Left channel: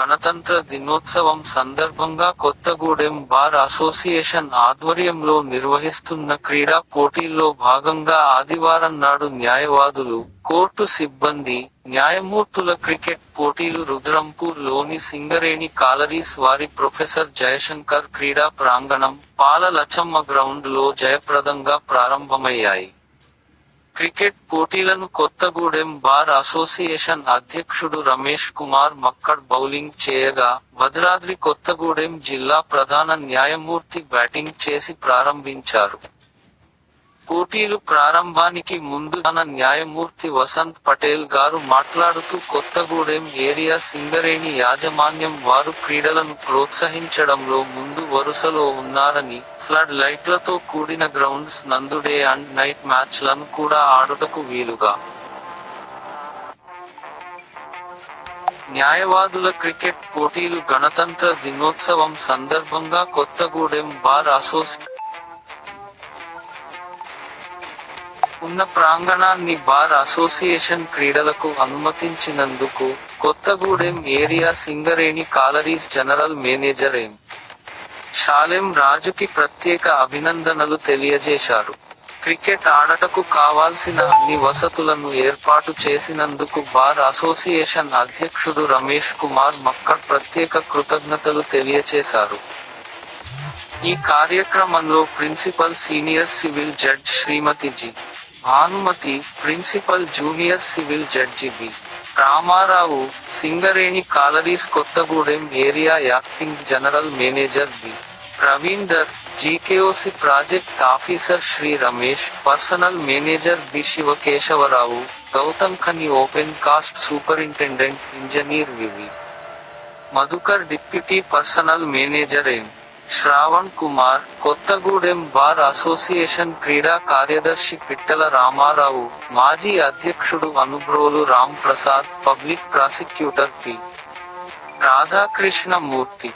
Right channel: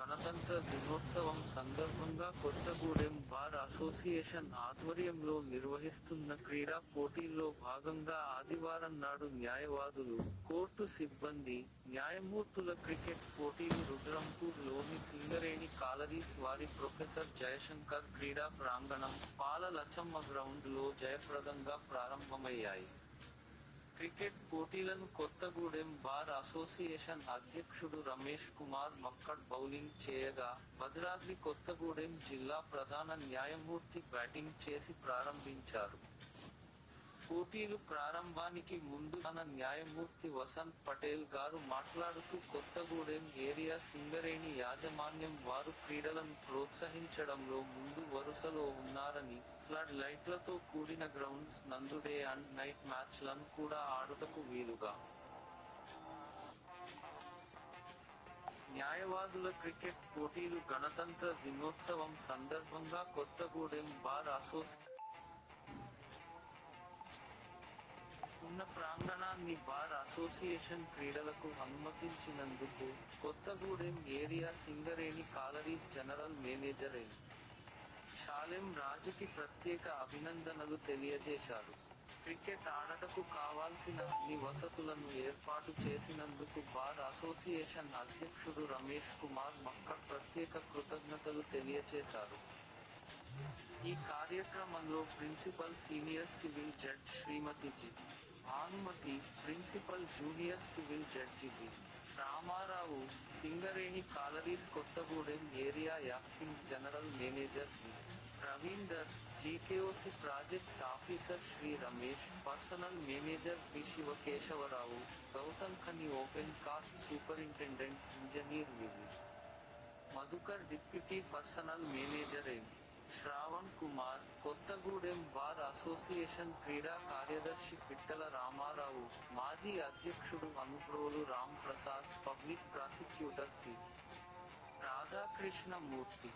గణతంత్ర దినోత్సవం సందర్భంగా కొత్తగూడెం బార్ అసోసియేషన్ ఆధ్వర్యంలో నిర్వహిస్తున్న క్రీడా పోటీల్లో భాగంగా ఆదివారం నాడు న్యాయవాదులు కోర్టు సిబ్బంది న్యాయమూర్తుల క్రికెట్ పోటీలు రుద్రంపూర్లోని సింగరేణి కాలరీస్ వారి ప్రొఫెసర్ జయశంకర్ క్రీడా ప్రాంగణం పాల లచ్చమ్మ గ్రౌండ్లో జయప్రదంగా ప్రారంభమయ్యాయి. క్రికెట్ పోటీలను కొత్తగూడెం బార్ అసోసియేషన్ అధ్యక్షుడు రమేష్ కుమార్ మక్కడ్ బౌలింగ్ చేయగా భద్రాద్రి కొత్తగూడెం జిల్లా ప్రధాన న్యాయమూర్తి బ్యాటింగ్ చేసి ప్రారంభించారు. పోటీలు ప్రారంభానికి ముందు తన న్యాయమూర్తి వసంత్ పటేల్ గారు మాట్లాడుతూ కొత్తగూడెం ఏరియా సింగరేణి యాజమాన్యం వారు క్రీడలను ప్రోత్సహించడంలో ముందు వరుసలో ఉన్నారని ఫ్లడ్ లైట్లతో కూడిన గ్రౌండ్స్ నందు డే అండ్ నైట్ మ్యాచ్లను కూడా ఆడుటకు వీలుగా. న్యాయవాదుల క్రికెట్ పోటీలు గణతంత్ర దినోత్సవం సందర్భంగా కొత్తగూడెం బార్ అసోసియేషన్ ఉన్న ప్రాంగణాన్ని బార్ అసోసియేషన్ క్రీడలకు అనుమతించినందుకు Kothagudem area Singareni collieries general manager M. Shalem రాజుకి ప్రత్యేక అభినందనలు తెలియజేశారు. క్రికెట్ ఆడటకు కావాల్సిన అన్ని వసతులను ఏర్పాటు చేసినందుకు బార్ అసోసియేషన్ అధ్యక్షుడు రమేష్ కుమార్ మక్కడ్ ప్రత్యేక కృతజ్ఞతలు తెలియచేశారు. ఈ కార్యక్రమంలో principal senior civil judge Shrimati G. Bhanumathi principal junior civil judge B. Ramarao Singareni collieries Kothagudem area acting general manager B. Ravinder GKOC project officer Shri Ramesh personal manager B. Shivakesavarao Gautham Khani open cast superintendent engineer V V Madhukar deputy personal manager M. Shravan Kumar Kothagudem bar association క్రీడా కార్యదర్శి పిట్టల రామారావు మాజీ అధ్యక్షుడు Anubrolu Ram Prasad public prosecutor P. Radhakrishna Murthy